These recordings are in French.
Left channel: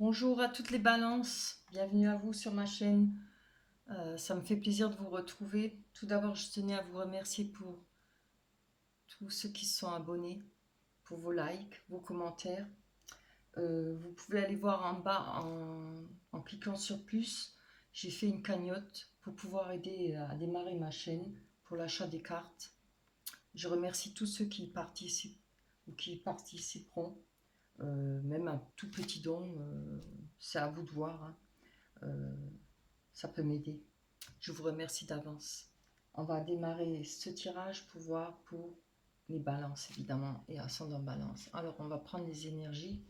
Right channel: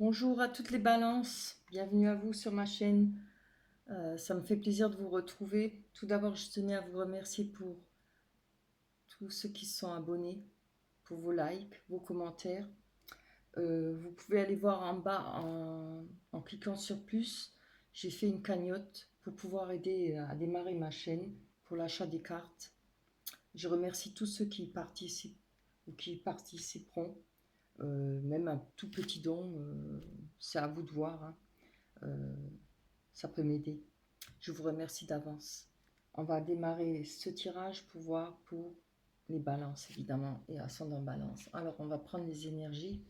Bonjour à toutes les balances, bienvenue à vous sur ma chaîne. Ça me fait plaisir de vous retrouver. Tout d'abord, je tenais à vous remercier pour tous ceux qui se sont abonnés, pour vos likes, vos commentaires. Vous pouvez aller voir en bas en cliquant sur plus. J'ai fait une cagnotte pour pouvoir aider à démarrer ma chaîne pour l'achat des cartes. Je remercie tous ceux qui participent ou qui participeront. Même un tout petit don, c'est à vous de voir, hein. Euh, Ça peut m'aider. Je vous remercie d'avance. On va démarrer ce tirage pour voir pour les balances, évidemment, et ascendant balance. Alors, on va prendre les énergies.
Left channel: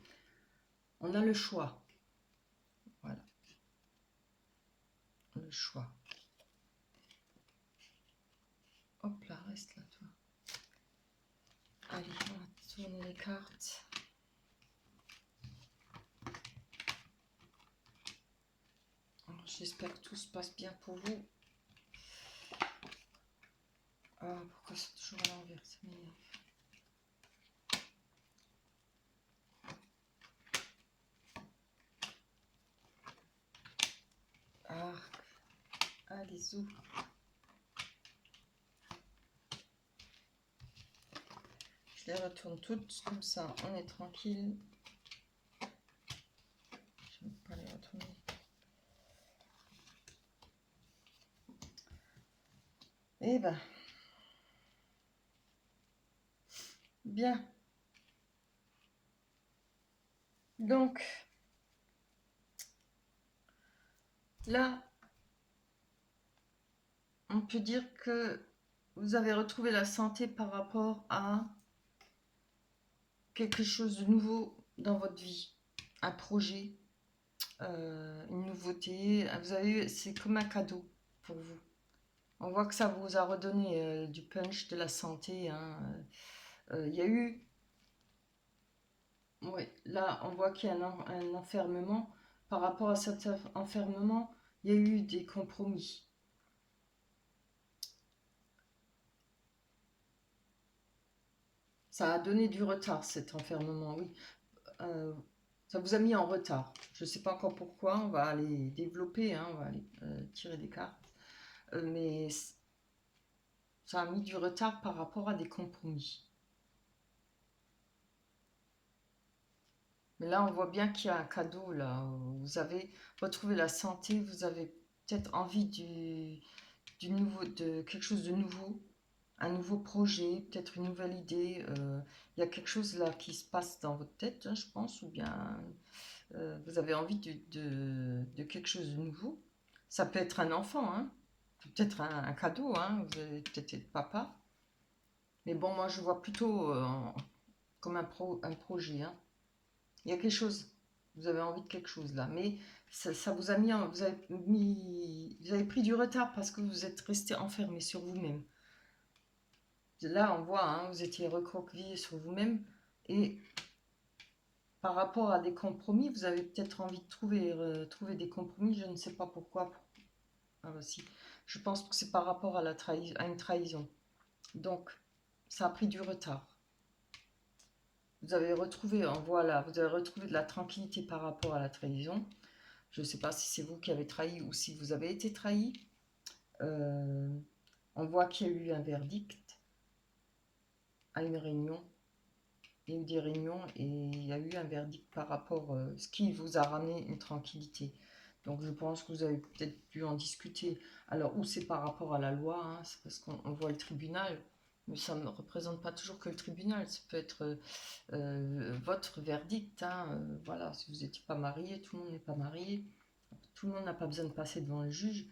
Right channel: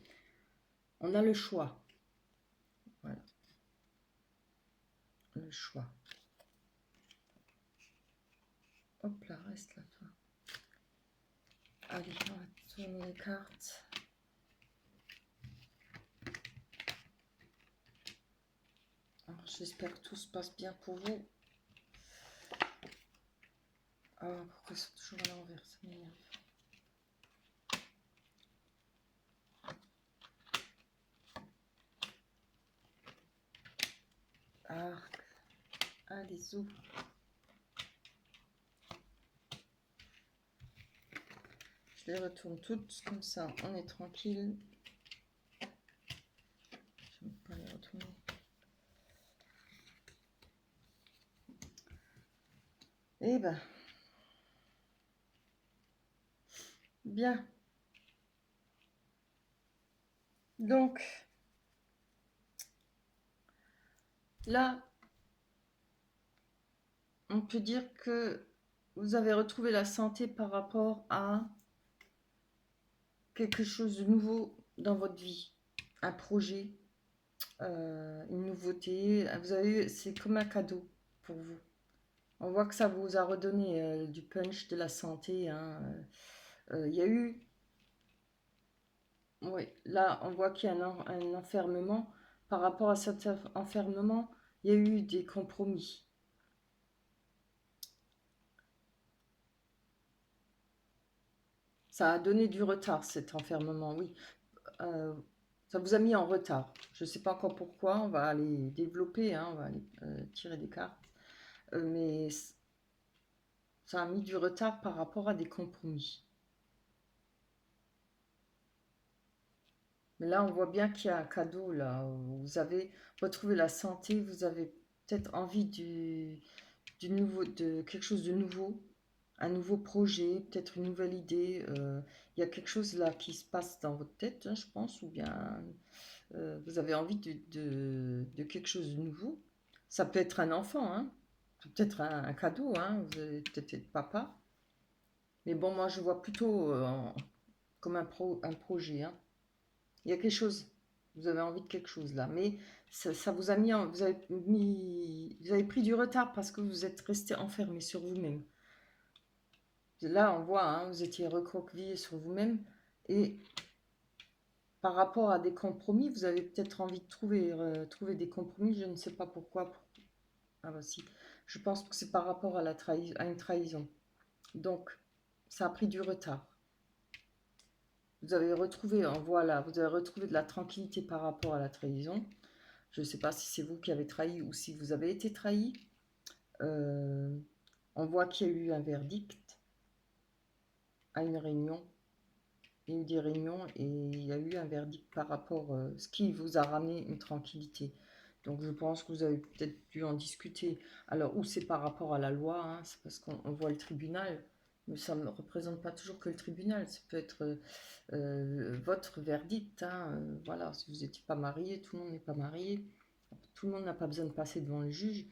On a le choix. Voilà, le choix. Hop là, reste là, toi. Allez, on va tourner les cartes. Alors, j'espère que tout se passe bien pour vous. Ah, pourquoi c'est toujours à l'envers, ça m'énerve. Ah, allez, ouvre. Je les retourne toutes, comme ça, on est tranquille. Je ne vais pas les retourner. Eh ben, bien. Donc, là, on peut dire que vous avez retrouvé la santé par rapport à quelque chose de nouveau dans votre vie, un projet, une nouveauté. Vous avez, c'est comme un cadeau pour vous. On voit que ça vous a redonné du punch, de la santé, hein. Il y a eu, oui, là, on voit qu'il y a un enfermement. Par rapport à cet enfermement, il y a eu des compromis. Ça a donné du retard, cet enfermement, oui. Euh, Ça vous a mis en retard. Je ne sais pas encore pourquoi, on va aller développer, hein, on va aller tirer des cartes. Mais ça a mis du retard par rapport à des compromis. Mais là, on voit bien qu'il y a un cadeau, là. Vous avez retrouvé la santé, vous avez peut-être envie du nouveau, de quelque chose de nouveau, un nouveau projet, peut-être une nouvelle idée. Il y a quelque chose là qui se passe dans votre tête, hein, je pense, ou bien vous avez envie de quelque chose de nouveau. Ça peut être un enfant, hein. Peut-être un cadeau, hein. Vous allez peut-être être papa. Mais bon, moi je vois plutôt comme un projet, hein. Il y a quelque chose, vous avez envie de quelque chose là. Mais ça vous a mis, vous avez pris du retard parce que vous êtes resté enfermé sur vous-même. Là, on voit, hein, vous étiez recroquevillé sur vous-même. Et par rapport à des compromis, vous avez peut-être envie de trouver des compromis, je ne sais pas pourquoi. Ah, si. Je pense que c'est par rapport à, à une trahison. Donc, ça a pris du retard. Vous avez retrouvé, voilà, vous avez retrouvé de la tranquillité par rapport à la trahison. Je ne sais pas si c'est vous qui avez trahi ou si vous avez été trahi. Euh, on voit qu'il y a eu un verdict à une réunion. Il y a eu des réunions et il y a eu un verdict par rapport à ce qui vous a ramené une tranquillité. Donc je pense que vous avez peut-être pu en discuter. Alors, ou c'est par rapport à la loi, hein, c'est parce qu'on voit le tribunal, mais ça ne représente pas toujours que le tribunal. Ça peut être votre verdict, hein, voilà, si vous n'étiez pas marié, tout le monde n'est pas marié. Tout le monde n'a pas besoin de passer devant le juge.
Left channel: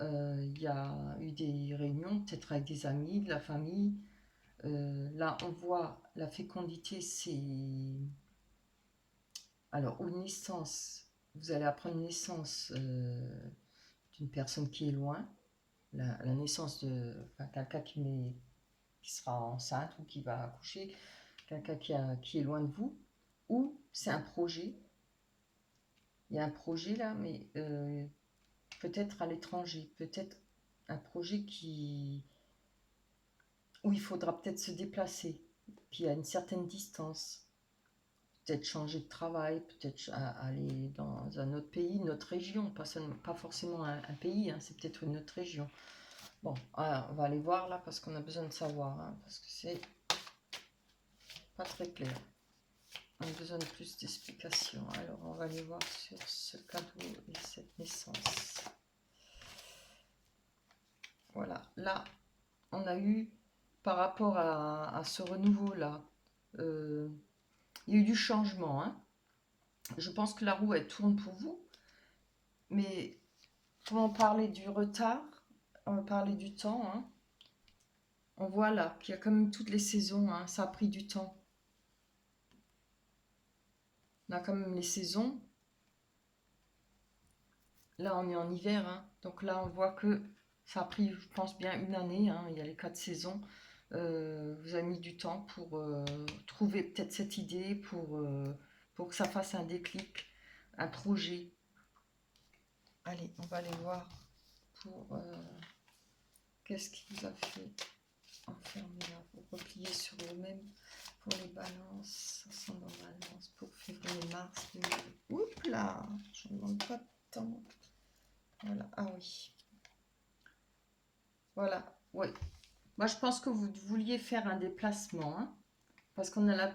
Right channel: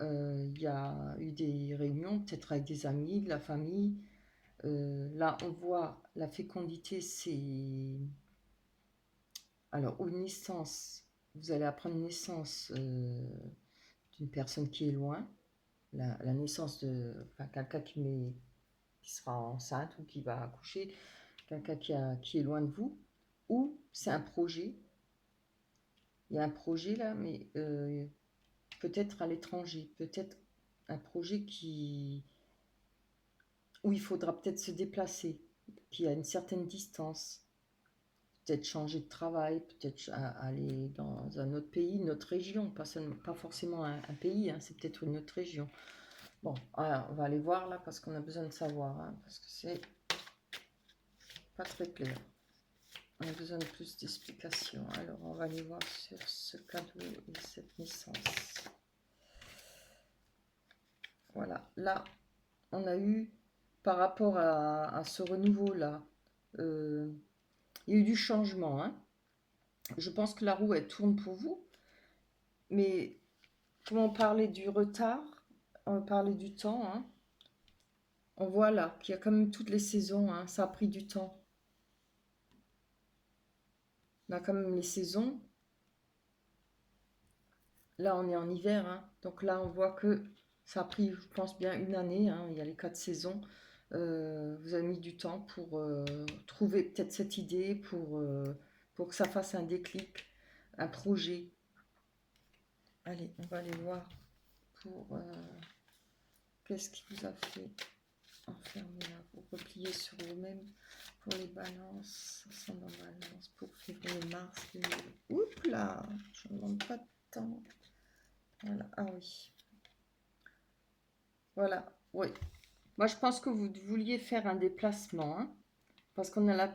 Il y a eu des réunions, peut-être avec des amis, de la famille. Là, on voit la fécondité, c'est alors une naissance. Vous allez apprendre une naissance d'une personne qui est loin, la naissance de enfin, quelqu'un qui sera enceinte ou qui va accoucher, quelqu'un qui est loin de vous, ou c'est un projet. Il y a un projet là, mais peut-être à l'étranger, peut-être un projet où il faudra peut-être se déplacer, qui a une certaine distance. peut-être changer de travail, peut-être aller dans un autre pays, une autre région, pas forcément un pays, hein, c'est peut-être une autre région. Bon, voilà, on va aller voir là parce qu'on a besoin de savoir, hein, parce que c'est pas très clair. On a besoin de plus d'explications. Alors, on va aller voir sur ce cadeau et cette naissance. Voilà, là, on a eu, par rapport à ce renouveau-là, il y a eu du changement. Hein. Je pense que la roue, elle tourne pour vous. Mais, quand on parlait du retard, on va parler du temps. Hein, on voit là qu'il y a quand même toutes les saisons. Hein, ça a pris du temps. On a quand même les saisons. Là, on est en hiver. Hein, donc là, on voit que ça a pris, je pense, bien une année. Hein, il y a les 4 saisons. Vous avez mis du temps pour trouver peut-être cette idée, pour que ça fasse un déclic, un projet. Allez, on va aller voir pour qu'est-ce qui vous a fait enfermer là, pour replier sur vous-même, pour les balances, ascendant balance, pour février-mars 2000. Oups là, je ne demande pas de temps. Voilà. Ah oui. Voilà, oui. Moi, je pense que vous vouliez faire un déplacement, hein, parce qu'on a la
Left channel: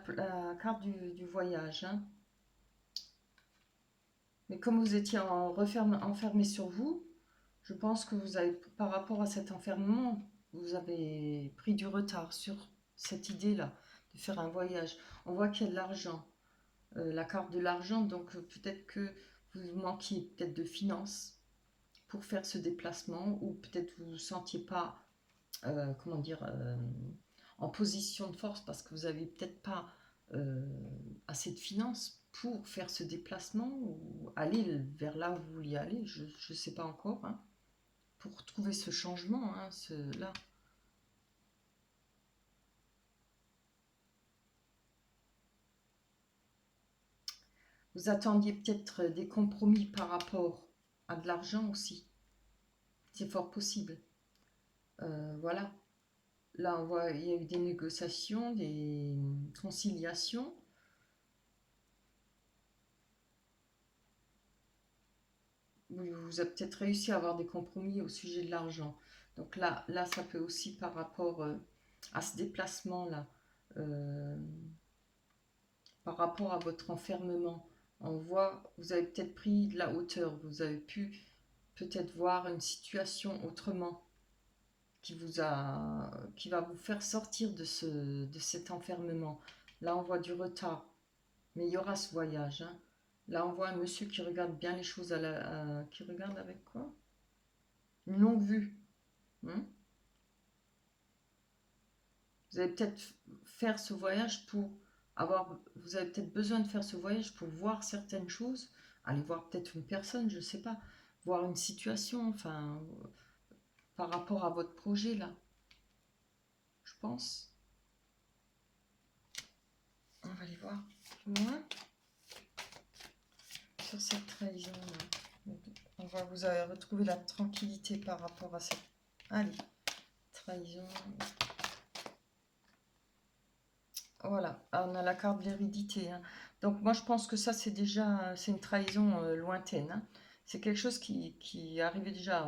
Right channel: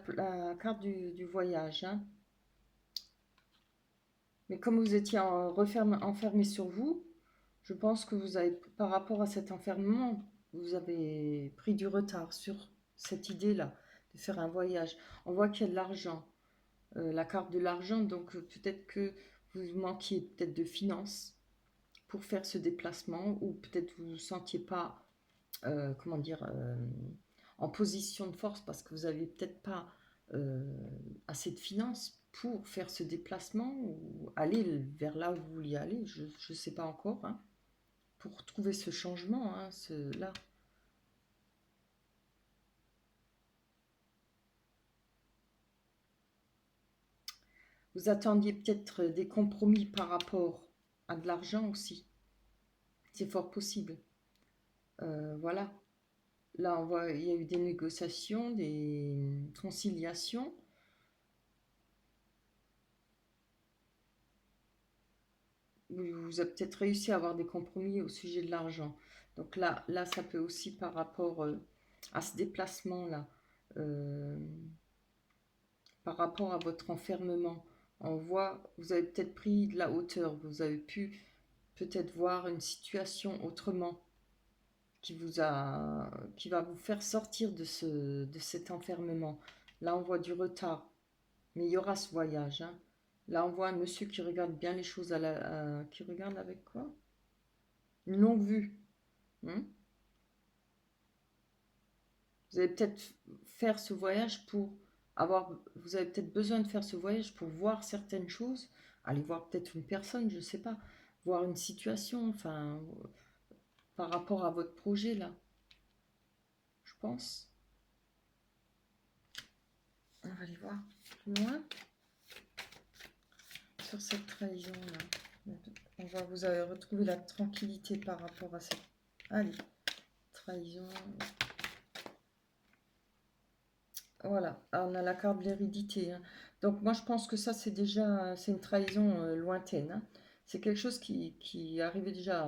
carte du voyage. Hein. Mais comme vous étiez enfermé sur vous, je pense que vous avez, par rapport à cet enfermement, vous avez pris du retard sur cette idée-là, de faire un voyage. On voit qu'il y a de l'argent, la carte de l'argent, donc peut-être que vous manquiez peut-être de finances pour faire ce déplacement, ou peut-être vous ne vous sentiez pas, comment dire, en position de force parce que vous n'aviez peut-être pas euh, assez de finances pour faire ce déplacement ou aller vers là où vous vouliez aller, je ne sais pas encore, hein, pour trouver ce changement, hein, là. Vous attendiez peut-être des compromis par rapport à de l'argent aussi, c'est fort possible. Voilà, là on voit, il y a eu des négociations, des conciliations. Vous avez peut-être réussi à avoir des compromis au sujet de l'argent. Donc là, ça peut aussi par rapport à ce déplacement-là, euh, par rapport à votre enfermement. On voit, vous avez peut-être pris de la hauteur, vous avez pu peut-être voir une situation autrement qui va vous faire sortir de cet enfermement. Là, on voit du retard, mais il y aura ce voyage. Hein. Là, on voit un monsieur qui regarde bien les choses qui regarde avec quoi? Une longue vue. Hein. Vous allez peut-être faire ce voyage pour vous avez peut-être besoin de faire ce voyage pour voir certaines choses, aller voir peut-être une personne, je ne sais pas, voir une situation, enfin, par rapport à votre projet là, je pense. On va aller voir plus loin sur cette trahison là. Vous avez retrouvé la tranquillité par rapport à cette. Allez, trahison. Voilà, on a la carte de l'hérédité. Hein. Donc moi je pense que ça c'est une trahison lointaine. Hein. C'est quelque chose qui est arrivé déjà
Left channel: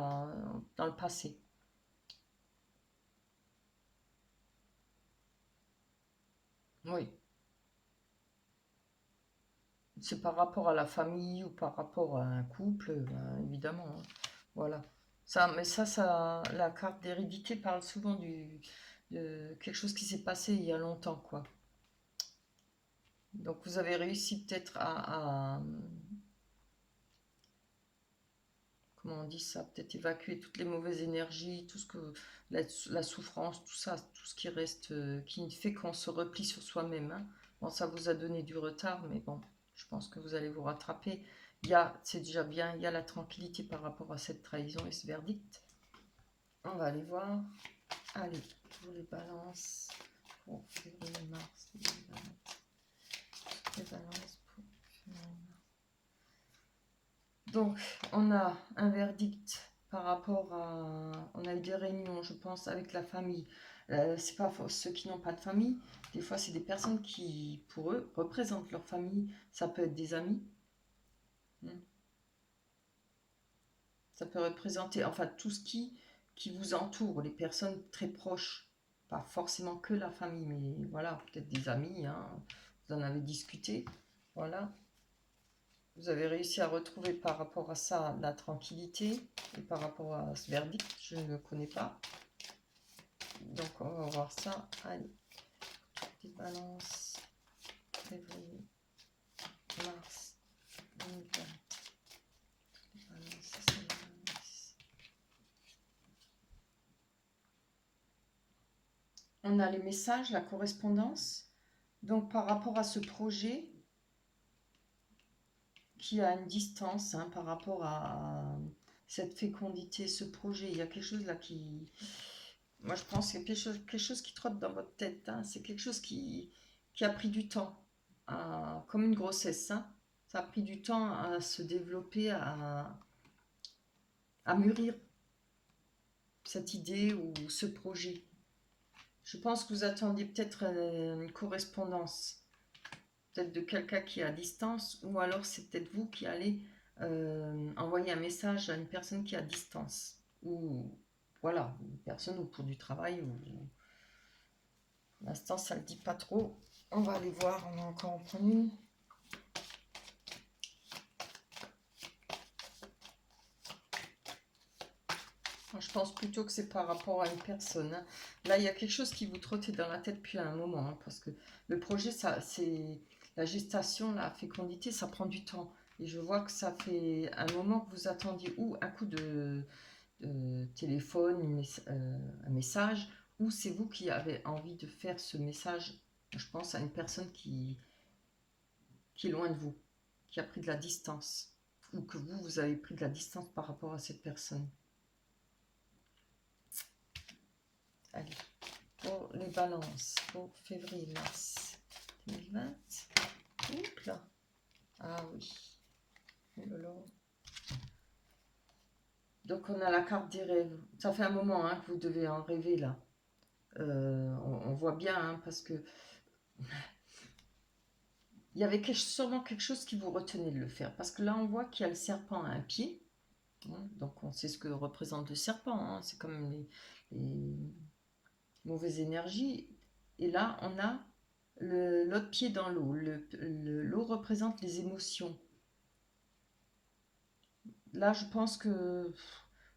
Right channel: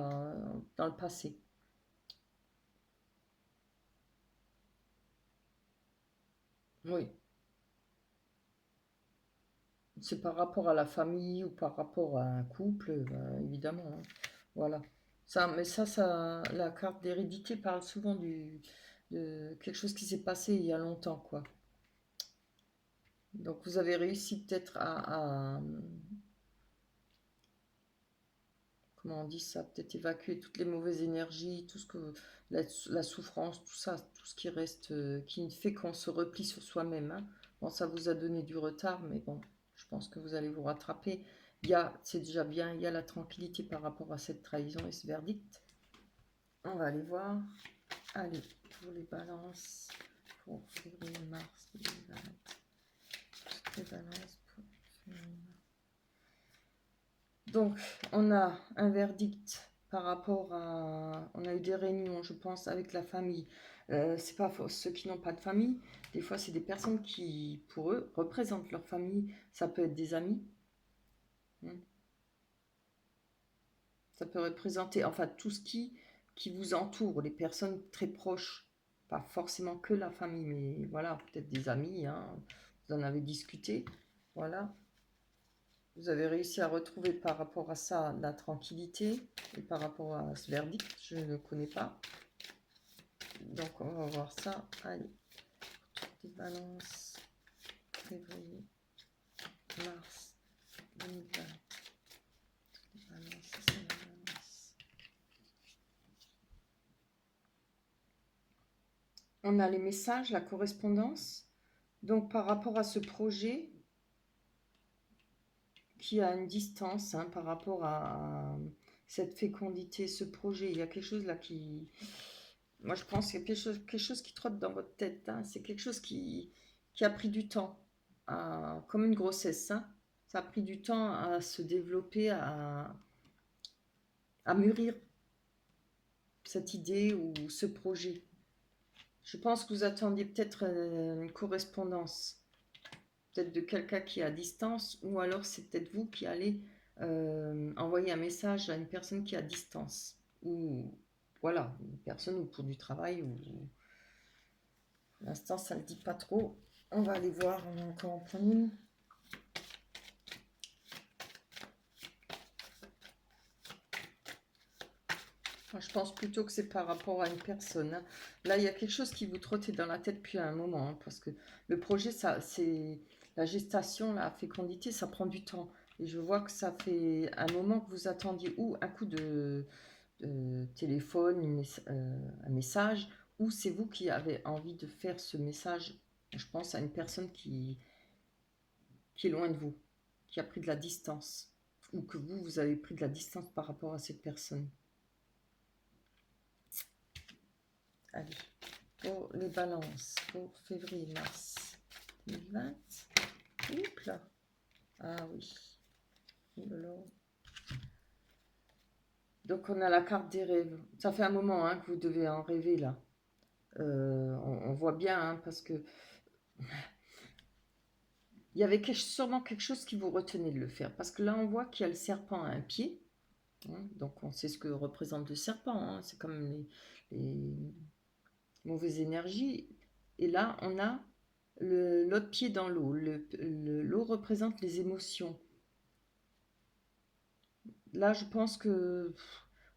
dans le passé. Oui, c'est par rapport à la famille ou par rapport à un couple, ben, évidemment. Hein. Voilà. Mais la carte d'hérédité parle souvent de quelque chose qui s'est passé il y a longtemps, quoi. Donc vous avez réussi peut-être comment on dit ça, peut-être évacuer toutes les mauvaises énergies, tout ce que la souffrance, tout ça, tout ce qui reste, qui fait qu'on se replie sur soi-même. Hein. Bon, ça vous a donné du retard, mais bon, je pense que vous allez vous rattraper. C'est déjà bien, il y a la tranquillité par rapport à cette trahison et ce verdict. On va aller voir. Allez, pour les balances, pour février-mars, les balances pour donc, on a un verdict par rapport à. On a eu des réunions, je pense, avec la famille. C'est pas ceux qui n'ont pas de famille. Des fois, c'est des personnes qui, pour eux, représentent leur famille. Ça peut être des amis. Hein. Ça peut représenter, enfin, tout ce qui vous entoure, les personnes très proches. Pas forcément que la famille, mais voilà, peut-être des amis. Hein. Vous en avez discuté. Voilà. Vous avez réussi à retrouver par rapport à ça la tranquillité. Et par rapport à ce verdict, je ne le connais pas. Donc, on va voir ça. Allez. Petite balance. Février. Mars. 2020. On a les messages, la correspondance. Donc, par rapport à ce projet qui a une distance par rapport à cette fécondité, ce projet, il y a quelque chose là qui... Moi, je pense qu'il y a quelque chose qui trotte dans votre tête. Hein. C'est quelque chose qui a pris du temps, comme une grossesse. Hein. Ça a pris du temps à se développer, à mûrir cette idée ou ce projet. Je pense que vous attendiez peut-être une correspondance, peut-être de quelqu'un qui est à distance, ou alors c'est peut-être vous qui allez envoyer un message à une personne qui est à distance, ou voilà, une personne ou pour du travail, ou pour l'instant ça ne le dit pas trop. On va aller voir, on va encore en prendre une. Moi, je pense plutôt que c'est par rapport à une personne. Hein. Là, il y a quelque chose qui vous trottait dans la tête depuis un moment, hein, parce que le projet, ça, c'est la gestation, la fécondité, ça prend du temps. Et je vois que ça fait un moment que vous attendiez ou un coup de téléphone, un message, ou c'est vous qui avez envie de faire ce message. Je pense à une personne qui est loin de vous, qui a pris de la distance, ou que vous avez pris de la distance par rapport à cette personne. Allez, pour les balances, pour février-mars 2020. Oups là. Ah oui. Donc on a la carte des rêves. Ça fait un moment que vous devez en rêver là. On voit bien parce que il y avait sûrement quelque chose qui vous retenait de le faire. Parce que là on voit qu'il y a le serpent à un pied. Hein, donc on sait ce que représente le serpent. Hein, c'est comme les mauvaises énergies. Et là on a l'autre pied dans l'eau. L'eau représente les émotions. Là, je pense que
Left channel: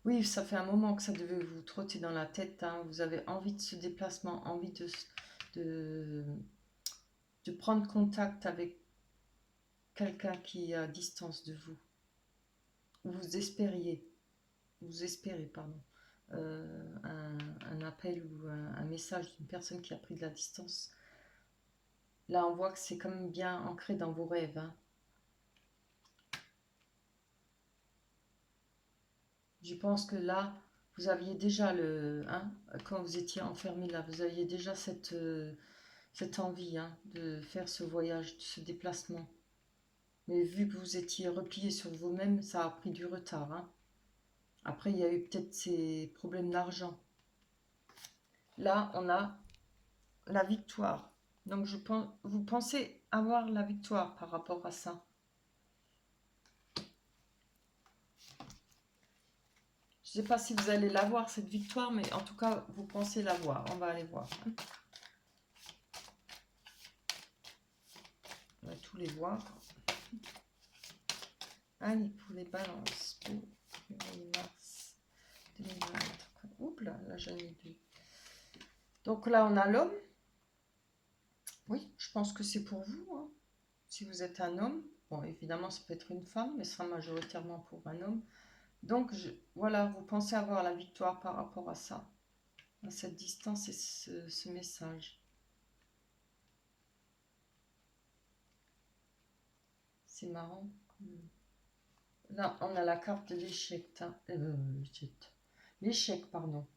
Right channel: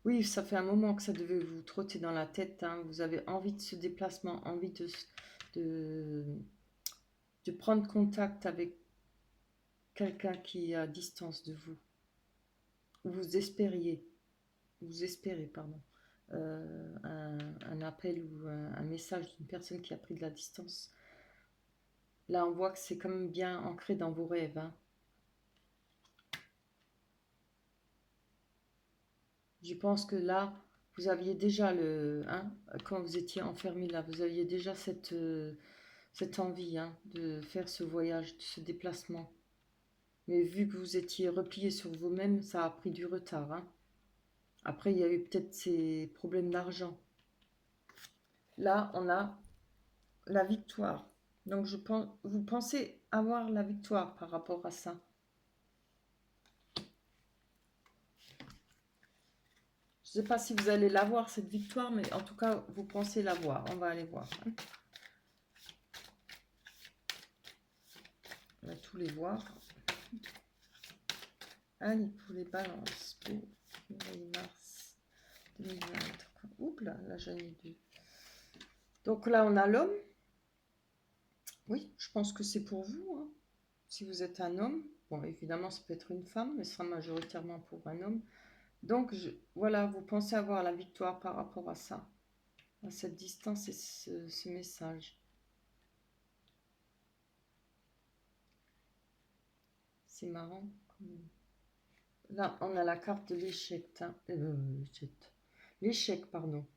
oui, ça fait un moment que ça devait vous trotter dans la tête. Hein. Vous avez envie de ce déplacement, envie de, de prendre contact avec quelqu'un qui est à distance de vous. Vous espérez, pardon, un appel ou un message d'une personne qui a pris de la distance. Là, on voit que c'est quand même bien ancré dans vos rêves. Hein. Je pense que là, vous aviez déjà quand vous étiez enfermé là, vous aviez déjà cette envie de faire ce voyage, ce déplacement. Mais vu que vous étiez replié sur vous-même, ça a pris du retard. Hein. Après, il y a eu peut-être ces problèmes d'argent. Là, on a la victoire. Donc, vous pensez avoir la victoire par rapport à ça. Je ne sais pas si vous allez l'avoir, cette victoire, mais en tout cas, vous pensez l'avoir. On va aller voir. On va tous les voir. Allez, pour les balances. Pour mars 2024. Oups là, j'en ai deux. Donc là, on a l'homme. Oui, je pense que c'est pour vous. Hein. Si vous êtes un homme, bon, évidemment, ça peut être une femme, mais ce sera majoritairement pour un homme. Donc, voilà, vous pensez avoir la victoire par rapport à ça, à cette distance et ce message. C'est marrant. Là, on a la carte de l'échec. L'échec, pardon.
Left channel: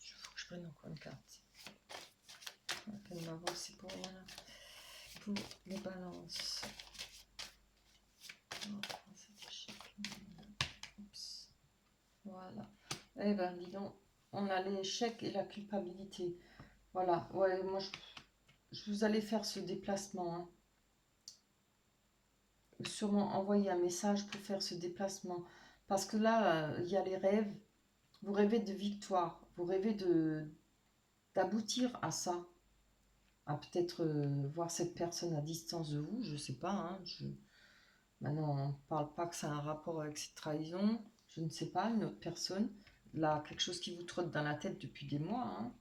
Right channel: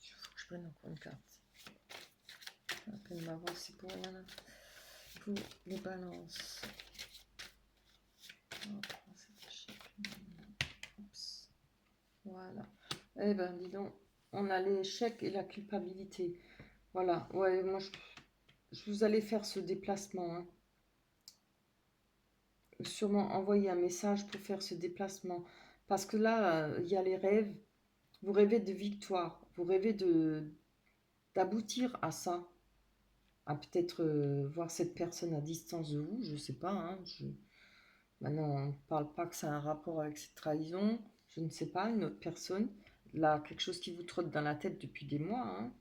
Il faut que je prenne encore une carte. On va voir, c'est pour les balances. Oups. Voilà. Eh ben, dis donc, on a l'échec et la culpabilité. Voilà. Ouais, moi, je vous allez faire ce déplacement. Hein. Sûrement envoyer un message pour faire ce déplacement. Parce que là, il y a les rêves. Vous rêvez de victoire. Vous rêvez d'aboutir à ça. À peut-être voir cette personne à distance de vous. Je ne sais pas. Hein, maintenant, on ne parle pas que ça a un rapport avec cette trahison. Je ne sais pas, une autre personne. Là, quelque chose qui vous trotte dans la tête depuis des mois. Hein.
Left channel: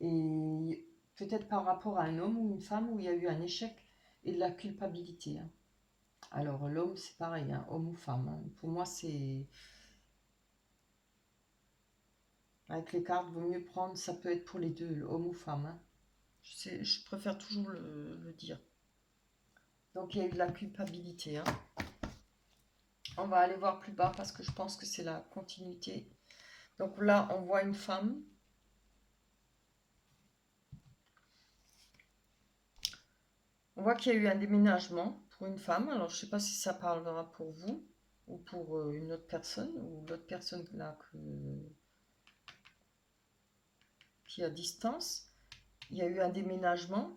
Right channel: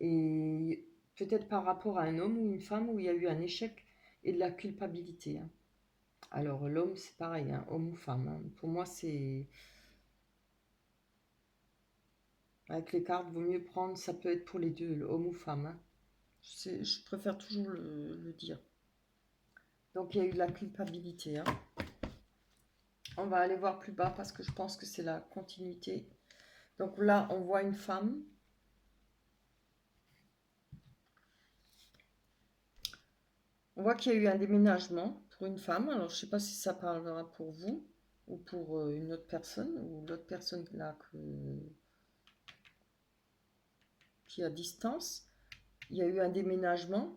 Et peut-être par rapport à un homme ou une femme où il y a eu un échec et de la culpabilité. Hein. Alors, l'homme, c'est pareil, hein, homme ou femme. Hein. Pour moi, c'est... Avec les cartes, il vaut mieux prendre, ça peut être pour les deux, homme ou femme. Hein. Je préfère toujours le dire. Donc, il y a eu de la culpabilité. Hein. On va aller voir plus bas parce que je pense que c'est la continuité. Donc là, on voit une femme. On voit qu'il y a eu un déménagement pour une femme. Alors, je ne sais pas si ça parlera pour vous ou pour une autre personne, ou l'autre personne là qui est à distance. Il y a eu un déménagement,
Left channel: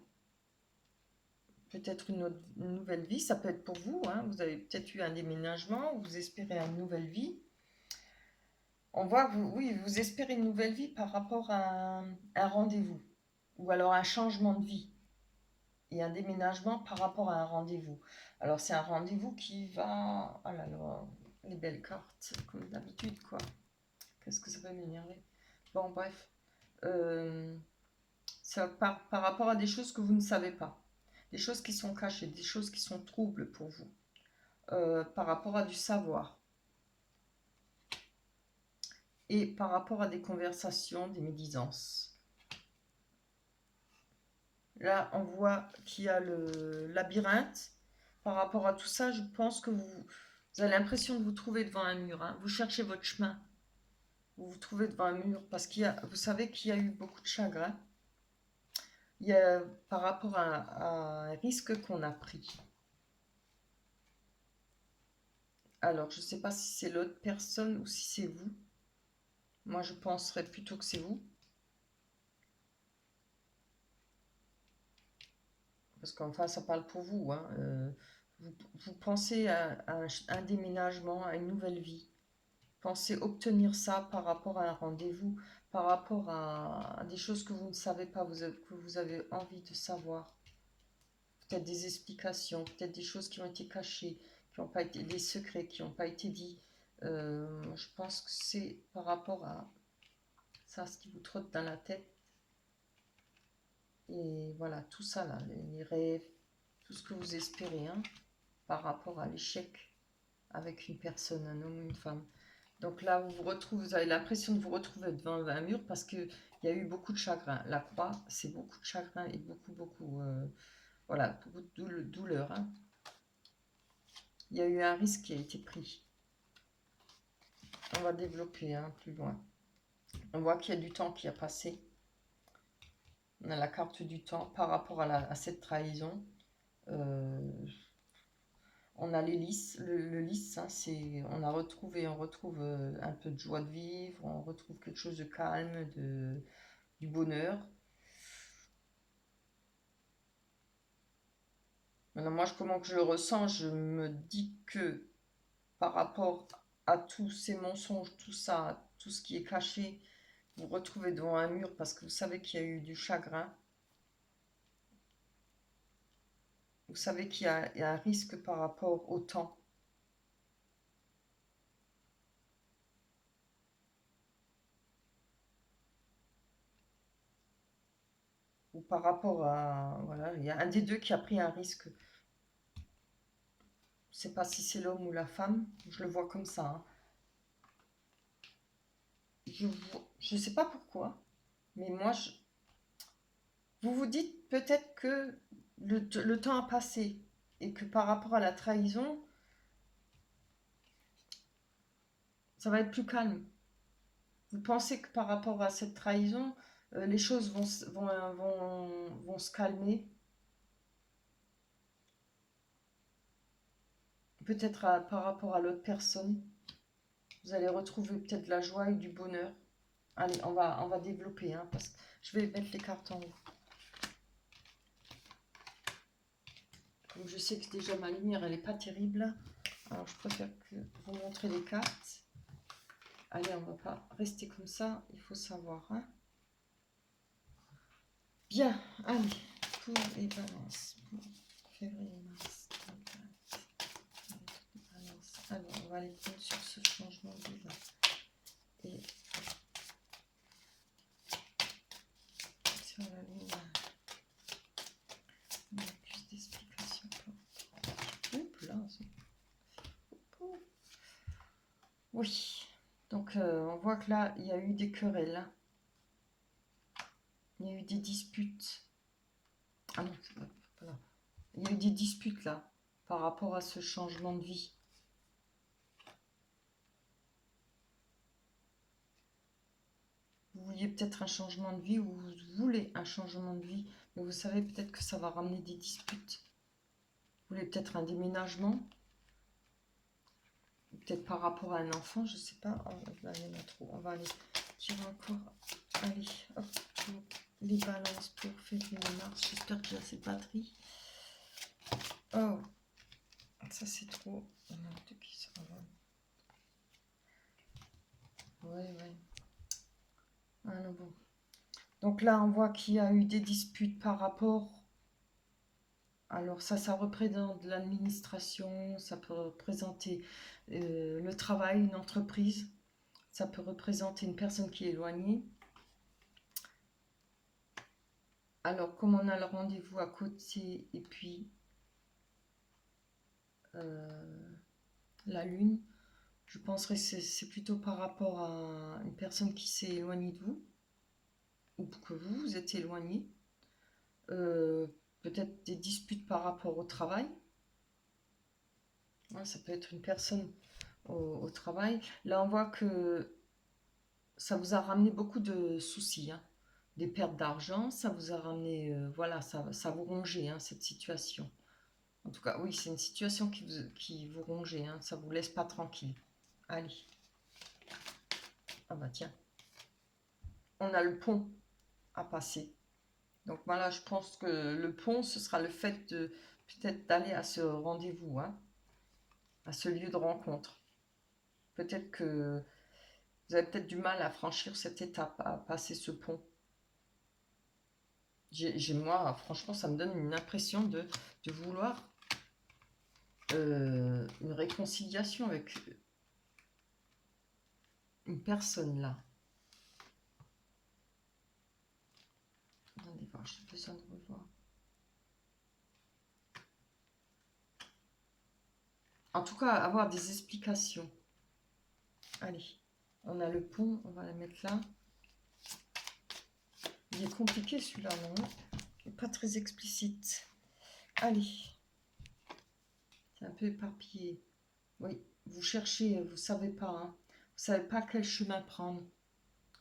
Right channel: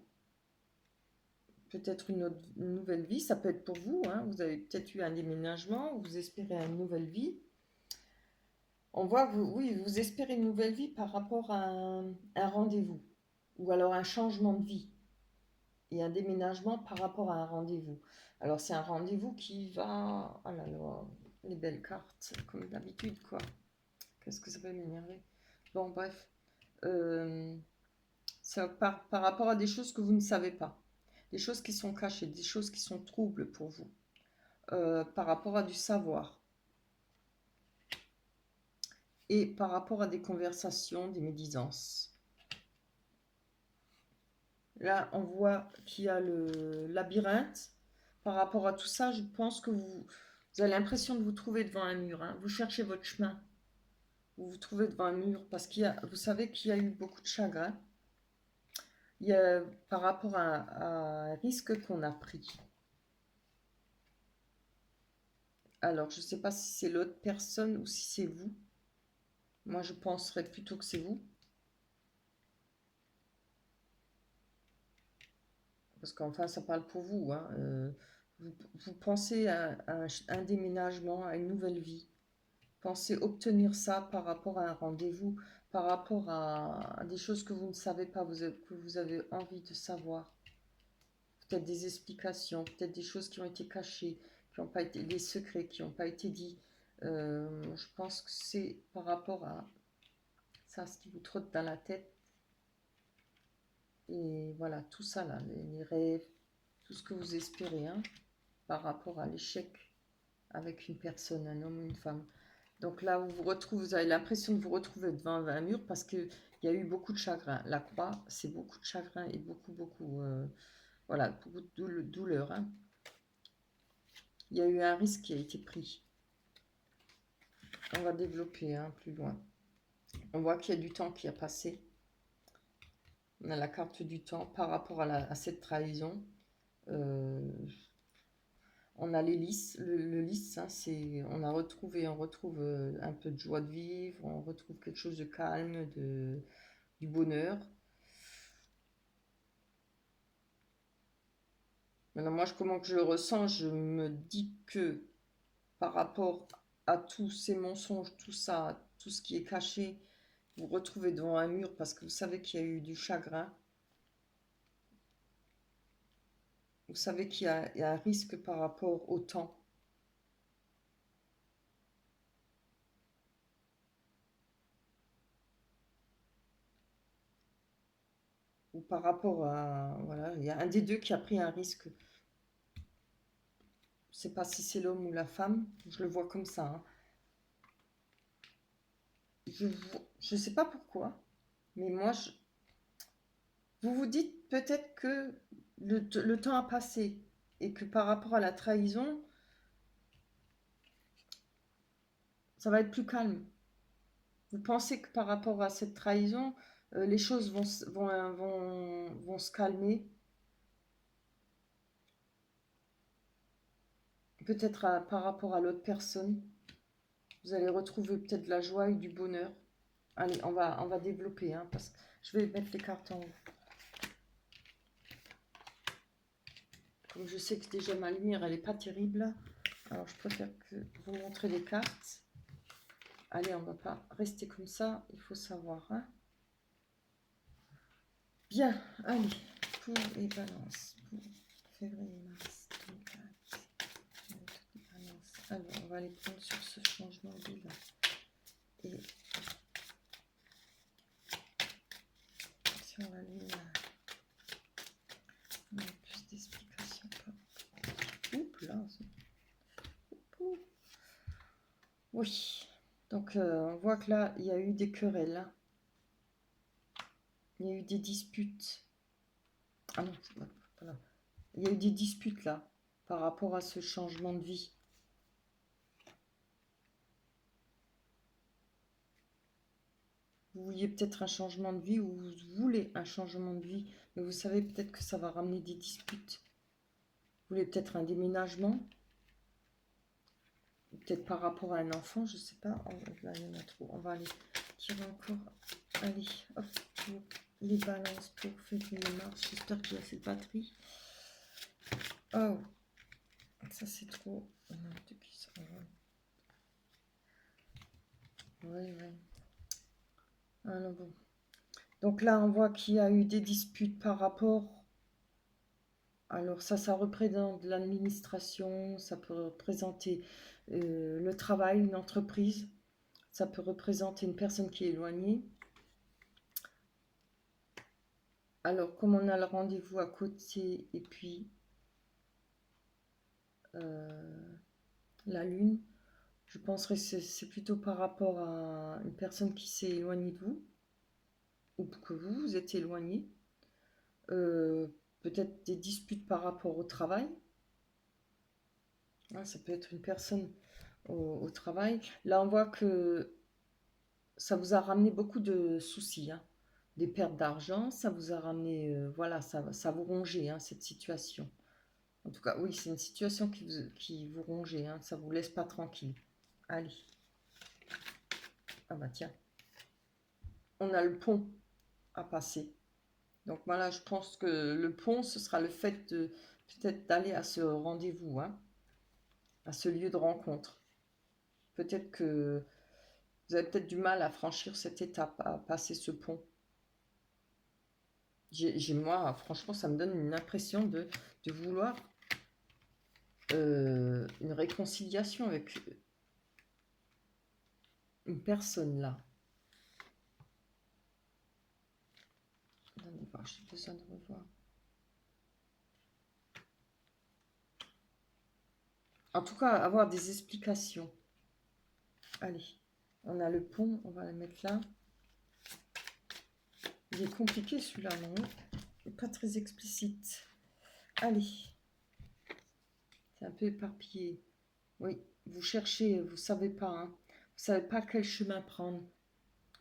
peut-être une nouvelle vie. Ça peut être pour vous. Hein. Vous avez peut-être eu un déménagement, vous espérez une nouvelle vie. On voit que oui, vous espérez une nouvelle vie par rapport à un rendez-vous ou alors un changement de vie. Et un déménagement par rapport à un rendez-vous. Alors c'est un rendez-vous qui va... Oh là là, les belles cartes, comme d'habitude quoi. Qu'est-ce que ça va m'énerver. Bon bref, ça par rapport à des choses que vous ne savez pas. Des choses qui sont cachées, des choses qui sont troubles pour vous. Par rapport à du savoir. Et par rapport à des conversations, des médisances. Là, on voit qu'il y a le labyrinthe. Par rapport à tout ça, je pense que vous avez l'impression de vous trouver devant un mur. Hein. Vous cherchez votre chemin. Vous vous trouvez devant un mur parce vous savez qu'il y a eu beaucoup de chagrin. Il y a par rapport à un risque qu'on a pris. Alors, je ne sais pas si c'est l'autre personne ou si c'est vous. Moi, je penserais plutôt que c'est vous. Parce qu'enfin, ça parle pour vous. Hein. Vous pensez à un déménagement, à une nouvelle vie. Pensez obtenir ça par rapport à un rendez-vous, par rapport à des choses que vous ne savez pas, que vous avez envie de savoir. Peut-être des explications, peut-être des choses qui ont été cachées, qui n'ont pas été des secrets, qui n'ont pas été dits. Je pense que c'est par rapport à ça, ce qui vous trotte dans la tête. Et voilà, tout ça là, les rêves, tout ce que vous espérez, hein, par rapport à l'échec avec une personne, un homme ou une femme. Donc là, vous avez l'impression de vous retrouver devant un mur parce qu'il y a eu beaucoup de chagrin. La croix, c'est beaucoup de chagrin et voilà, beaucoup de douleur. Hein. Il y a eu un risque qui a été pris. On va développer plus loin. On voit qu'il y a du temps qui a passé. On a la carte du temps par rapport à cette trahison. On a les lys, le lys, hein, on retrouve un peu de joie de vivre, on retrouve quelque chose de calme, du bonheur. Maintenant, moi, comment que je le ressens, je me dis que par rapport à tous ces mensonges, tout ça, tout ce qui est caché, vous vous retrouvez devant un mur parce que vous savez qu'il y a eu du chagrin. Vous savez qu'il y a un risque par rapport au temps. Ou par rapport à... Voilà, il y a un des deux qui a pris un risque. Je ne sais pas si c'est l'homme ou la femme, je le vois comme ça. Hein. Je ne sais pas pourquoi, mais moi, vous vous dites peut-être que le temps a passé et que par rapport à la trahison, ça va être plus calme. Vous pensez que par rapport à cette trahison, les choses vont se calmer. peut-être par rapport à l'autre personne. Vous allez retrouver peut-être la joie et du bonheur. Allez, on va développer, hein, parce que je vais mettre les cartes en haut. Comme je sais que déjà ma lumière, elle n'est pas terrible. Alors, je préfère que vous montrer les cartes. Allez, on ne va pas rester comme ça. Il faut savoir. Hein. Bien, allez, pour les balances. Pour février, mars, 24, alors, on va aller prendre sur ce changement de vie. Et sur la lumière. On a plus d'explications. Oups, là, oui. Donc, on voit que là, il y a eu des querelles. Hein. Il y a eu des disputes. Ah non, voilà. Il y a eu des disputes là, par rapport à ce changement de vie. Vous vouliez peut-être un changement de vie ou vous voulez un changement de vie, mais vous savez peut-être que ça va ramener des disputes. Vous voulez peut-être un déménagement, peut-être par rapport à un enfant, je ne sais pas. Là, il y en a trop. On va aller tirer encore. Allez, hop, les balances pour février mars. J'espère qu'il y a assez de batterie. Oh, ça c'est trop. Il y en a deux qui s'envolent. Ouais. Ah non, bon. Donc là, on voit qu'il y a eu des disputes par rapport. Alors ça représente l'administration, ça peut représenter le travail, une entreprise, ça peut représenter une personne qui est éloignée. Alors comme on a le rendez-vous à côté et puis la lune, je penserais que c'est plutôt par rapport à une personne qui s'est éloignée de vous ou que vous êtes éloigné. Peut-être des disputes par rapport au travail. Ouais, ça peut être une personne au travail. Là, on voit que ça vous a ramené beaucoup de soucis, hein. Des pertes d'argent, ça vous a ramené, voilà, ça vous rongeait, hein, cette situation. En tout cas, oui, c'est une situation qui vous rongeait, hein, ça vous laisse pas tranquille. Allez. Ah bah tiens, on a le pont à passer. Donc voilà, je pense que le pont, ce sera le fait de peut-être d'aller à ce rendez-vous, hein, à ce lieu de rencontre. Peut-être que vous avez peut-être du mal à franchir cette étape, à passer ce pont. Moi, franchement, ça me donne une impression de vouloir une réconciliation avec une personne là. Attendez voir, j'ai besoin de revoir. En tout cas, avoir des explications. Allez, on a le pont, on va la mettre là. Il est compliqué celui-là, non? Il n'est pas très explicite. Allez. C'est un peu éparpillé. Oui, vous cherchez, vous ne savez pas. Hein. Vous ne savez pas quel chemin prendre.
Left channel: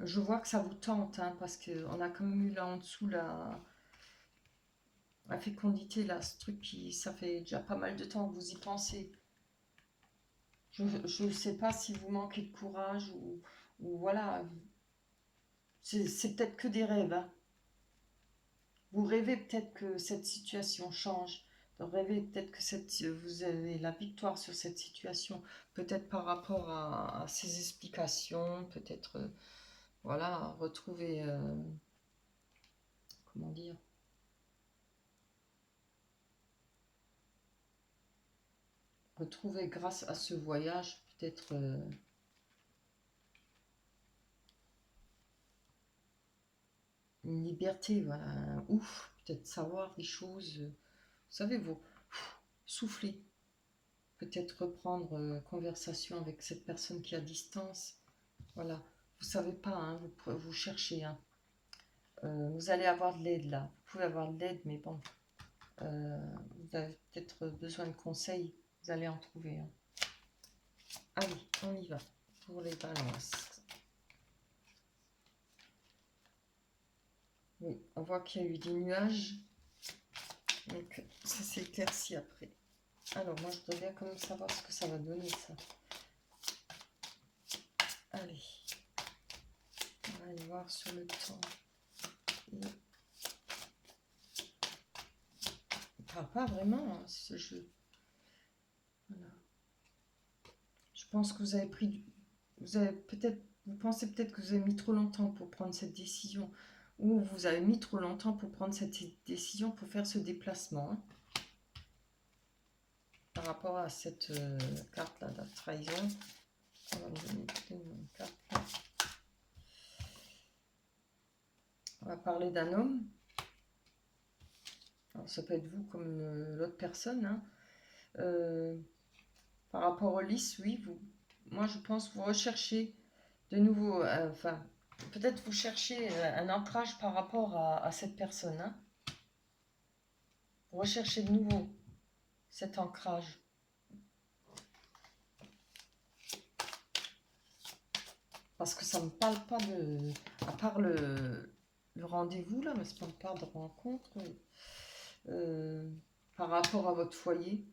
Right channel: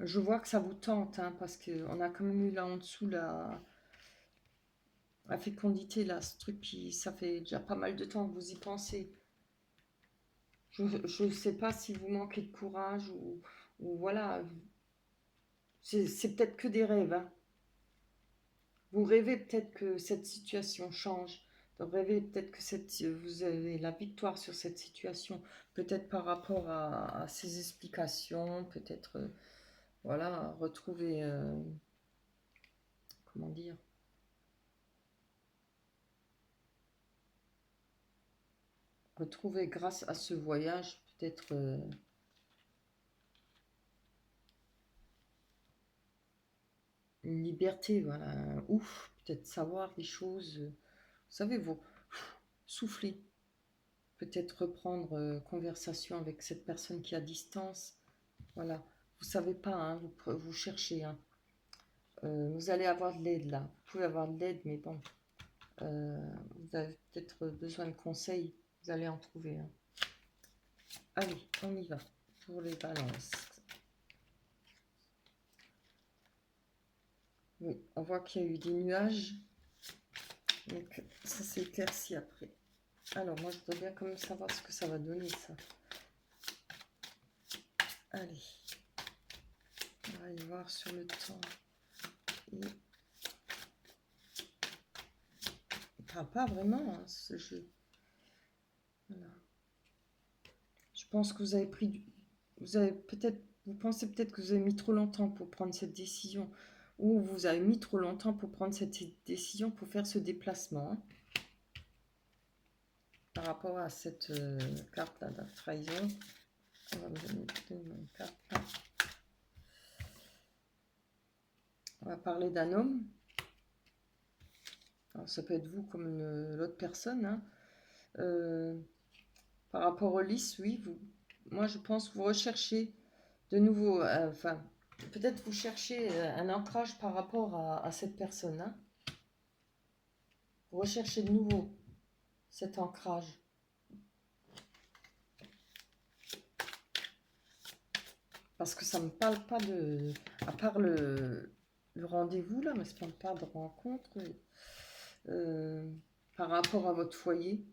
Je vois que ça vous tente, hein, parce qu'on a quand même eu là en dessous la fécondité, là, ce truc qui, ça fait déjà pas mal de temps que vous y pensez. Je ne sais pas si vous manquez de courage ou voilà. C'est peut-être que des rêves. Hein. Vous rêvez peut-être que cette situation change. Vous rêvez peut-être que vous avez la victoire sur cette situation. Peut-être par rapport à ces explications. Peut-être, voilà, retrouver, comment dire, retrouver grâce à ce voyage, peut-être une liberté, voilà, ouf, peut-être savoir des choses. Vous savez, vous soufflez, peut-être reprendre conversation avec cette personne qui est à distance. Voilà, vous savez pas, hein, vous cherchez. Hein. Vous allez avoir de l'aide là. Vous pouvez avoir de l'aide, mais bon, vous avez peut-être besoin de conseils. Vous allez en trouver. Hein. Allez, on y va pour les balances. Oui, on voit qu'il y a eu des nuages. Donc ça s'est éclairci après. Alors, moi, je dois bien quand même savoir ce que ça va donner, ça. Allez. On va aller voir sur le temps. Et... pas vraiment, hein, ce jeu. Voilà. Je pense que vous avez pris du... Vous avez peut-être... Vous pensez peut-être que vous avez mis trop longtemps pour prendre cette décision. Ou vous avez mis trop longtemps pour prendre cette décision, pour faire ce déplacement. Hein. Par rapport à cette carte-là de la trahison. On va donner une carte là. On va parler d'un homme. Alors, ça peut être vous comme l'autre personne. Hein. Par rapport au lys, oui, vous, moi je pense que vous recherchez de nouveau, enfin, peut-être vous cherchez un ancrage par rapport à cette personne. Hein. Vous recherchez de nouveau cet ancrage. Parce que ça ne me parle pas de... À part le rendez-vous, là, mais ça ne parle pas de rencontre. Par rapport à votre foyer.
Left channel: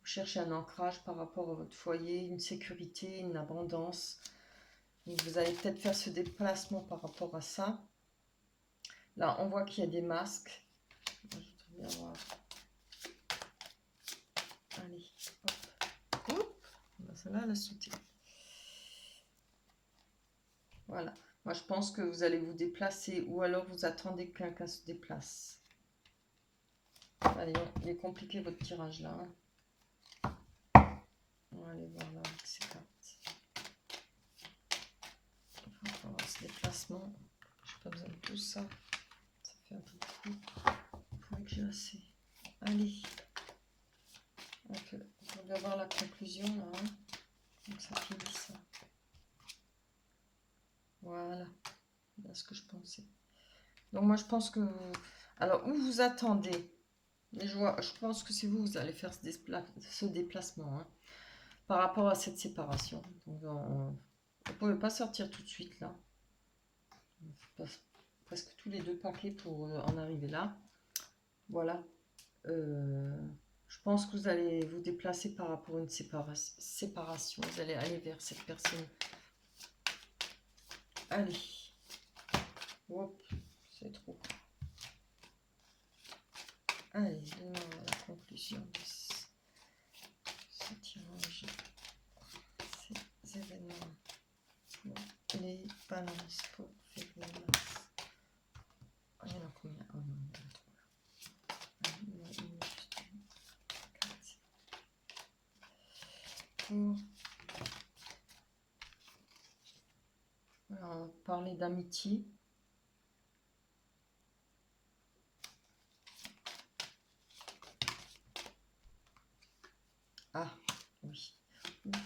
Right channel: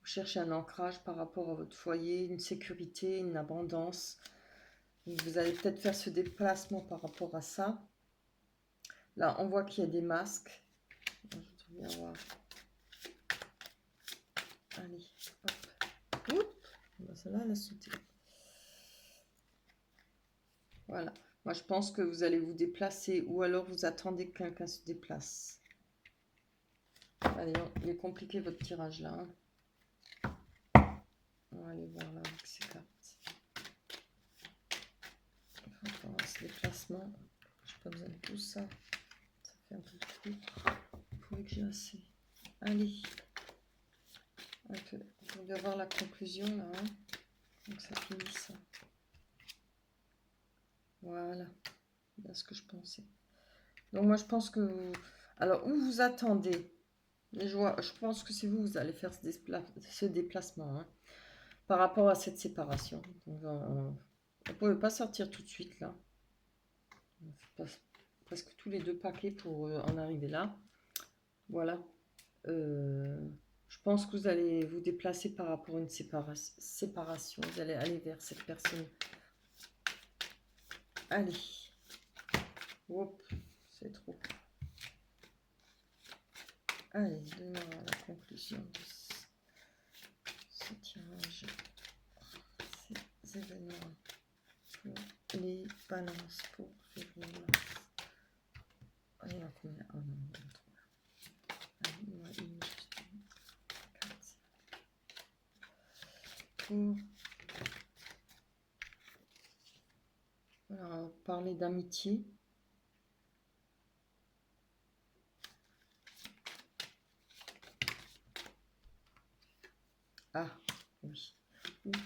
Vous cherchez un ancrage par rapport à votre foyer, une sécurité, une abondance. Donc vous allez peut-être faire ce déplacement par rapport à ça. Là, on voit qu'il y a des masques. Je vais voir. Allez, hop. Hop. Celle-là, elle a sauté. Voilà. Moi, je pense que vous allez vous déplacer ou alors vous attendez que quelqu'un se déplace. Allez, il est compliqué votre tirage là. Hein. On va aller voir là avec ces cartes. On va voir ce déplacement. Je n'ai pas besoin de tout ça. Ça fait un peu trop. Il faut que j'ai assez. Allez. On doit voir la conclusion là. Hein. Donc ça finit ça. Voilà. Voilà ce que je pensais. Donc moi je pense que... Alors où vous attendez? Je pense que c'est vous, vous allez faire ce déplacement. Hein, par rapport à cette séparation. Donc, vous ne pouvez pas sortir tout de suite là. Presque tous les deux paquets pour en arriver là. Voilà. Je pense que vous allez vous déplacer par rapport à une séparation. Vous allez aller vers cette personne. Allez. Hop, c'est trop. Allez, donnez-moi la conclusion de ce tirage. Ces événements pour les balances pour février. Il y en a combien? Oh non, il y en a trois. Allez, il y en a juste une. 4. Alors, parler d'amitié. Ah, oui. Ouf.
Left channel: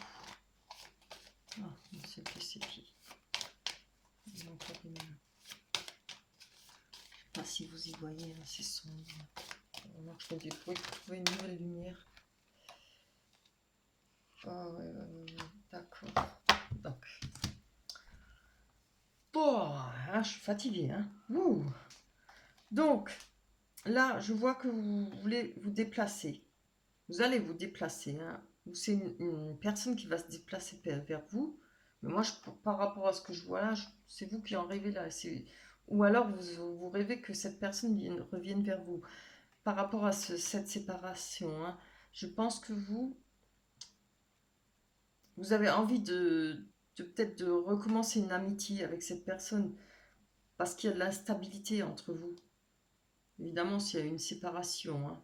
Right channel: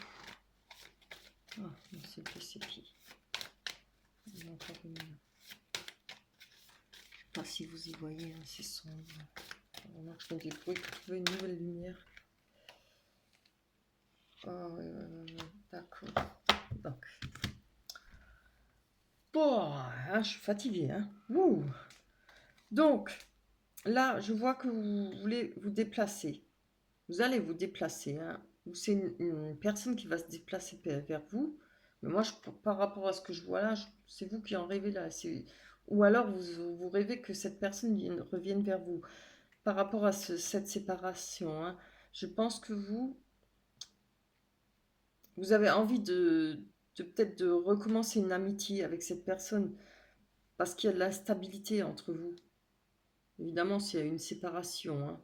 Ah, c'est plus ses pieds. Il y a encore une... Je ne sais pas si vous y voyez, hein, c'est sombre. Alors, je vais trouver une nouvelle lumière. D'accord. Bon, hein, je suis fatiguée. Hein. Ouh. Donc, là, je vois que vous voulez vous déplacer. Vous allez vous déplacer. Hein. C'est une personne qui va se déplacer vers vous. Mais moi, par rapport à ce que je vois là, c'est vous qui en rêvez là. Ou alors, vous rêvez que cette personne revienne vers vous. Par rapport à cette séparation, hein, je pense que vous avez envie de peut-être de recommencer une amitié avec cette personne parce qu'il y a de l'instabilité entre vous. Évidemment, s'il y a une séparation, hein.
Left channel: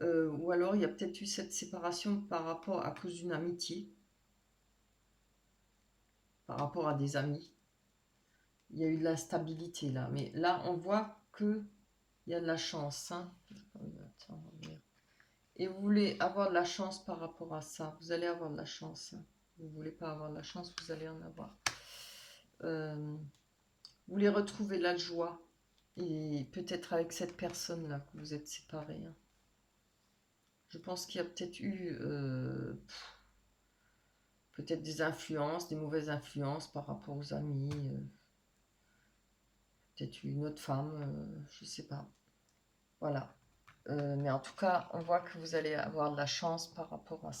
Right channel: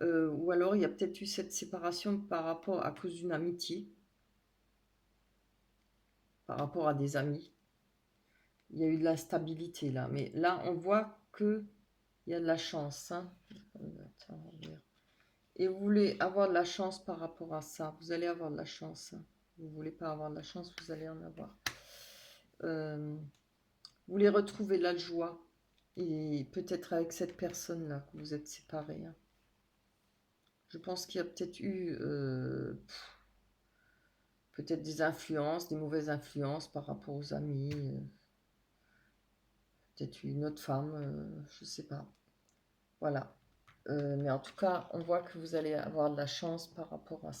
Ou alors il y a peut-être eu cette séparation par rapport à cause d'une amitié, par rapport à des amis. Il y a eu de l'instabilité là, mais là on voit que il y a de la chance. Hein. Et vous voulez avoir de la chance par rapport à ça. Vous allez avoir de la chance. Hein. Vous ne voulez pas avoir de la chance, vous allez en avoir. Vous voulez retrouver la joie. Et peut-être avec cette personne-là que vous êtes séparés. Hein. Je pense qu'il y a peut-être eu peut-être des influences, des mauvaises influences par rapport aux amis. Peut-être une autre femme, je ne sais pas. Voilà. Mais en tout cas, on voit que vous allez avoir de la chance par rapport à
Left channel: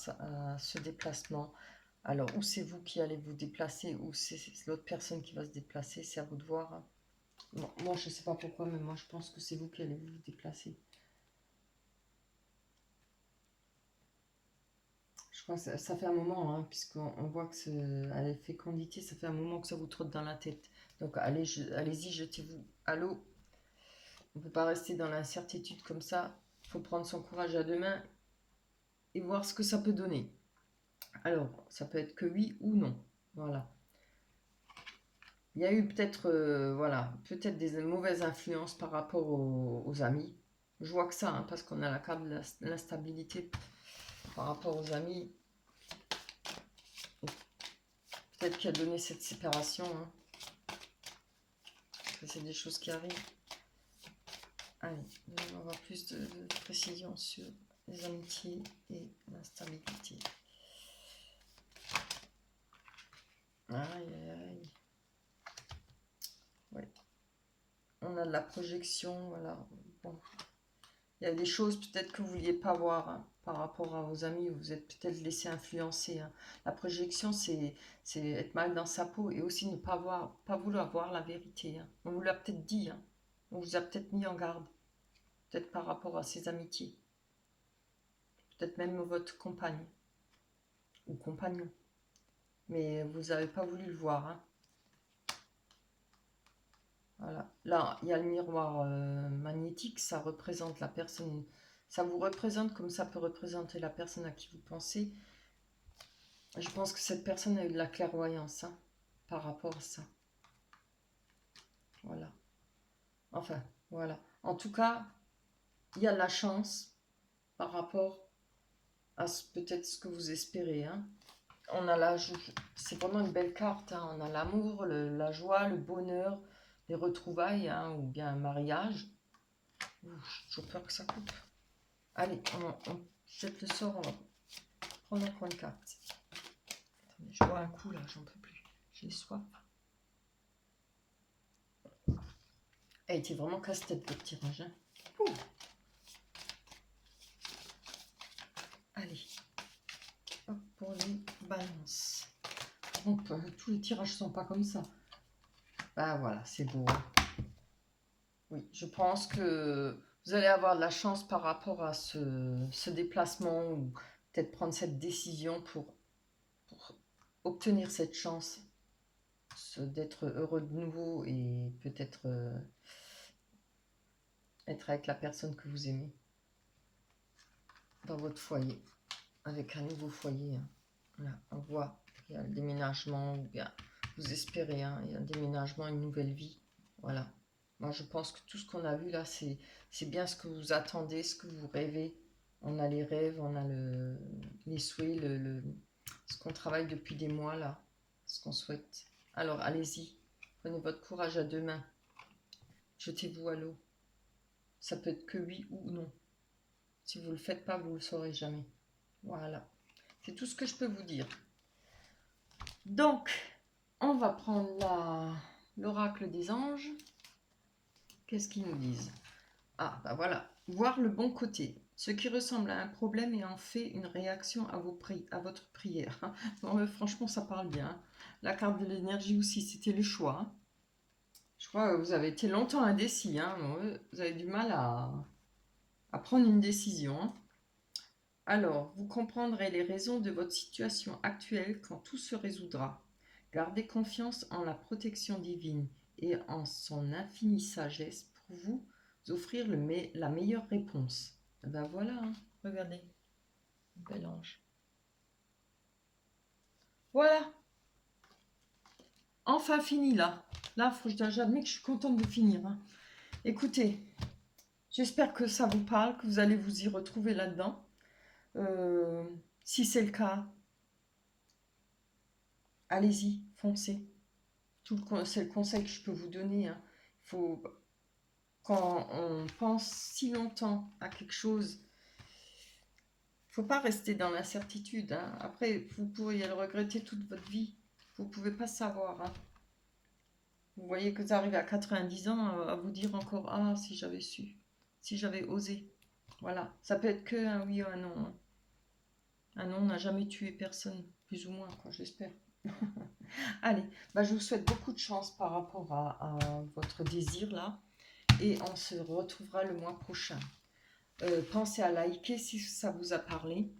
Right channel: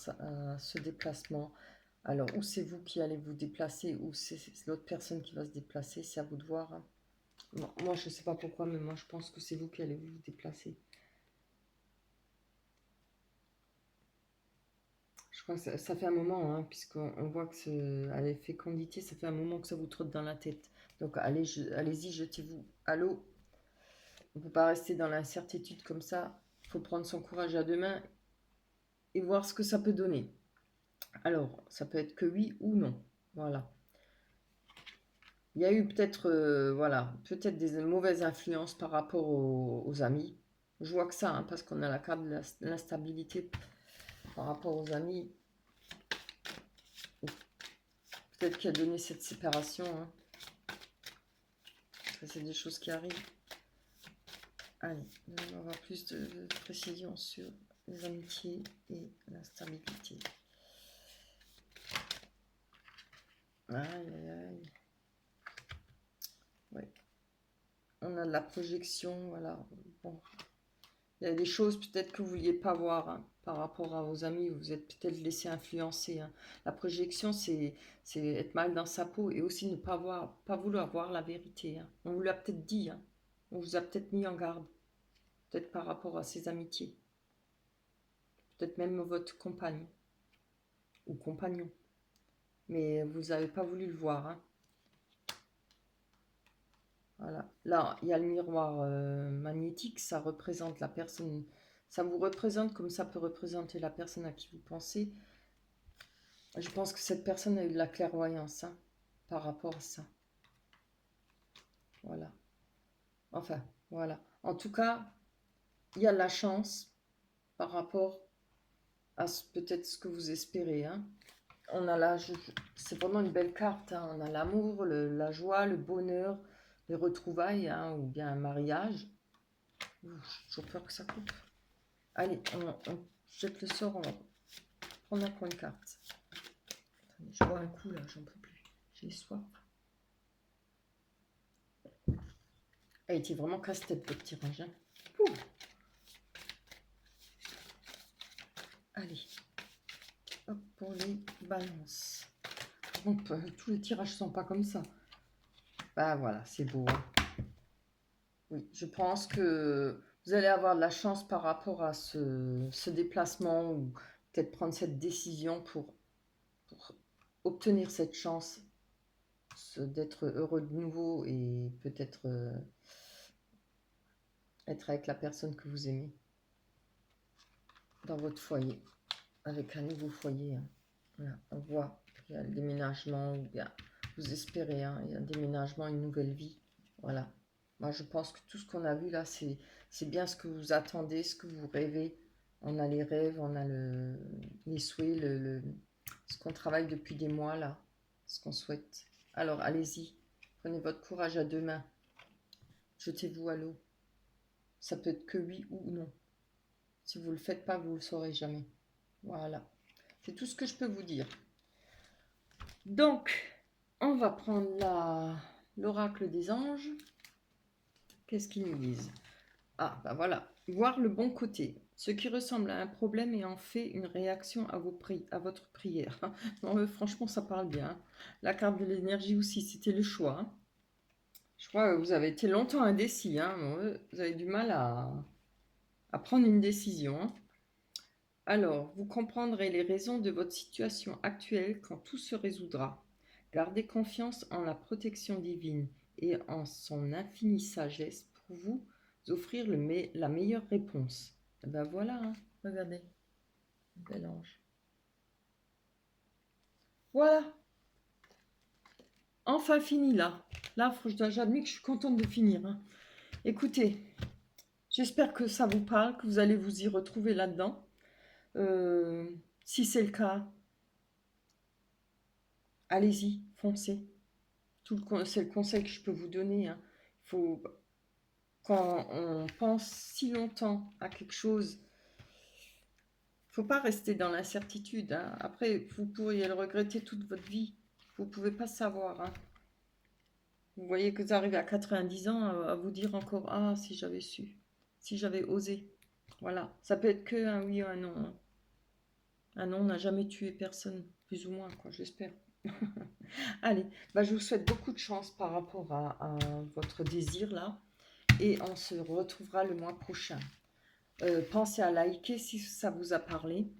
ce déplacement. Alors, ou c'est vous qui allez vous déplacer, ou c'est l'autre personne qui va se déplacer, c'est à vous de voir, hein. Bon, moi, je ne sais pas pourquoi, mais moi, je pense que c'est vous qui allez vous déplacer. Je crois que ça fait un moment, hein, puisqu'on voit que à la fécondité, ça fait un moment que ça vous trotte dans la tête. Donc, allez-y, jetez-vous à l'eau. On ne peut pas rester dans l'incertitude comme ça. Il faut prendre son courage à deux mains et voir ce que ça peut donner. Alors, ça peut être que oui ou non. Voilà. Il y a eu peut-être voilà, peut-être des mauvaises influences par rapport aux amis. Je vois que ça, hein, parce qu'on a la carte de l'instabilité par rapport aux amis. Peut-être qu'il a donné cette séparation. Hein. C'est des choses qui arrivent. Allez, on va avoir plus de précision sur les amitiés et l'instabilité. Aïe, aïe, aïe. Ouais. On a de la projection, voilà. Bon. Il y a des choses peut-être que vous ne vouliez pas voir, hein, par rapport à vos amis, vous êtes peut-être laissé influencer, hein. La projection, c'est être mal dans sa peau et aussi ne pas vouloir voir la vérité, hein. On vous l'a peut-être dit, hein. On vous a peut-être mis en garde, peut-être par rapport à ses amitiés, peut-être même votre compagne ou compagnon, mais vous n'avez pas voulu le voir, hein. Voilà. Là, il y a le miroir magnétique, ça représente la personne, ça vous représente comme ça peut représenter la personne à qui vous pensez. Je pense que cette personne a eu de la clairvoyance, hein, par rapport à ça. Voilà. Enfin, voilà. En tout cas, il y a de la chance par rapport à peut-être ce que vous espérez, hein. On a c'est vraiment une belle carte, hein. On a l'amour, la joie, le bonheur, les retrouvailles, hein, ou bien un mariage. J'ai toujours peur que ça coupe. Allez, on jette le sort, on va prendre un coin de carte. Attendez, je bois un coup là, j'en peux plus. J'ai soif. Elle était vraiment casse-tête votre tirage, hein. Ouh. Allez, hop, pour les balances. Bon, tous les tirages sont pas comme ça. Bah voilà, c'est beau. Oui, je pense que vous allez avoir de la chance par rapport à ce déplacement ou peut-être prendre cette décision pour obtenir cette chance d'être heureux de nouveau et peut-être être avec la personne que vous aimez dans votre foyer, avec un nouveau foyer, hein. Voilà, on voit qu'il y a un déménagement, ou bien vous espérez, hein, il y a un déménagement, une nouvelle vie. Voilà. Moi, je pense que tout ce qu'on a vu là, c'est bien ce que vous attendez, ce que vous rêvez. On a les rêves, on a les souhaits, ce qu'on travaille depuis des mois là, ce qu'on souhaite. Alors, allez-y, prenez votre courage à deux mains. Jetez-vous à l'eau. Ça peut être que oui ou non. Si vous ne le faites pas, vous ne le saurez jamais. Voilà. C'est tout ce que je peux vous dire. Donc, on va prendre l'oracle des anges. Qu'est-ce qu'ils nous disent? Ah, ben voilà. Voir le bon côté. Ce qui ressemble à un problème est en fait une réaction à votre prière. Non, franchement, ça parle bien. La carte de l'énergie aussi, c'était le choix. Je crois que vous avez été longtemps indécis, hein. Vous avez du mal à prendre une décision. Alors, vous comprendrez les raisons de votre situation actuelle quand tout se résoudra. Gardez confiance en la protection divine et en son infinie sagesse pour vous offrir la meilleure réponse. Et ben voilà, hein. Regardez, bel ange. Voilà, enfin fini là. Là, j'admets que je suis contente de finir, hein. Écoutez, j'espère que ça vous parle, que vous allez vous y retrouver là-dedans. Si c'est le cas, allez-y, foncez. C'est le conseil que je peux vous donner, hein. Faut, quand on pense si longtemps à quelque chose, il ne faut pas rester dans l'incertitude, hein. Après, vous pourriez le regretter toute votre vie. Vous ne pouvez pas savoir, hein. Vous voyez que vous arrivez à 90 ans à vous dire encore, ah, si j'avais su, si j'avais osé. Voilà, ça peut être que un oui ou un non, hein. Un non n'a jamais tué personne, plus ou moins, quoi, j'espère. Allez, bah, je vous souhaite beaucoup de chance par rapport à votre désir là, et on se retrouvera le mois prochain. Pensez à liker si ça vous a parlé,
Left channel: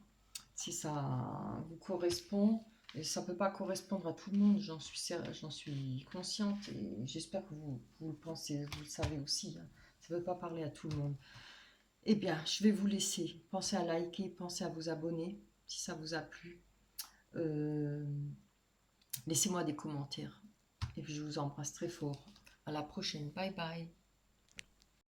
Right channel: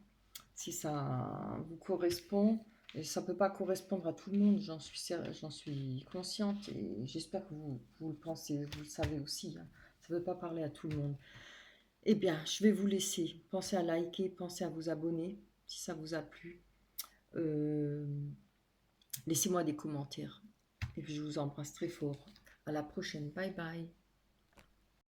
si ça vous correspond. Et ça ne peut pas correspondre à tout le monde, j'en suis consciente et j'espère que vous le pensez, vous le savez aussi, hein. Ça ne peut pas parler à tout le monde. Eh bien, je vais vous laisser. Pensez à liker, pensez à vous abonner si ça vous a plu. Euh, Laissez-moi des commentaires. Et puis je vous embrasse très fort. À la prochaine. Bye bye.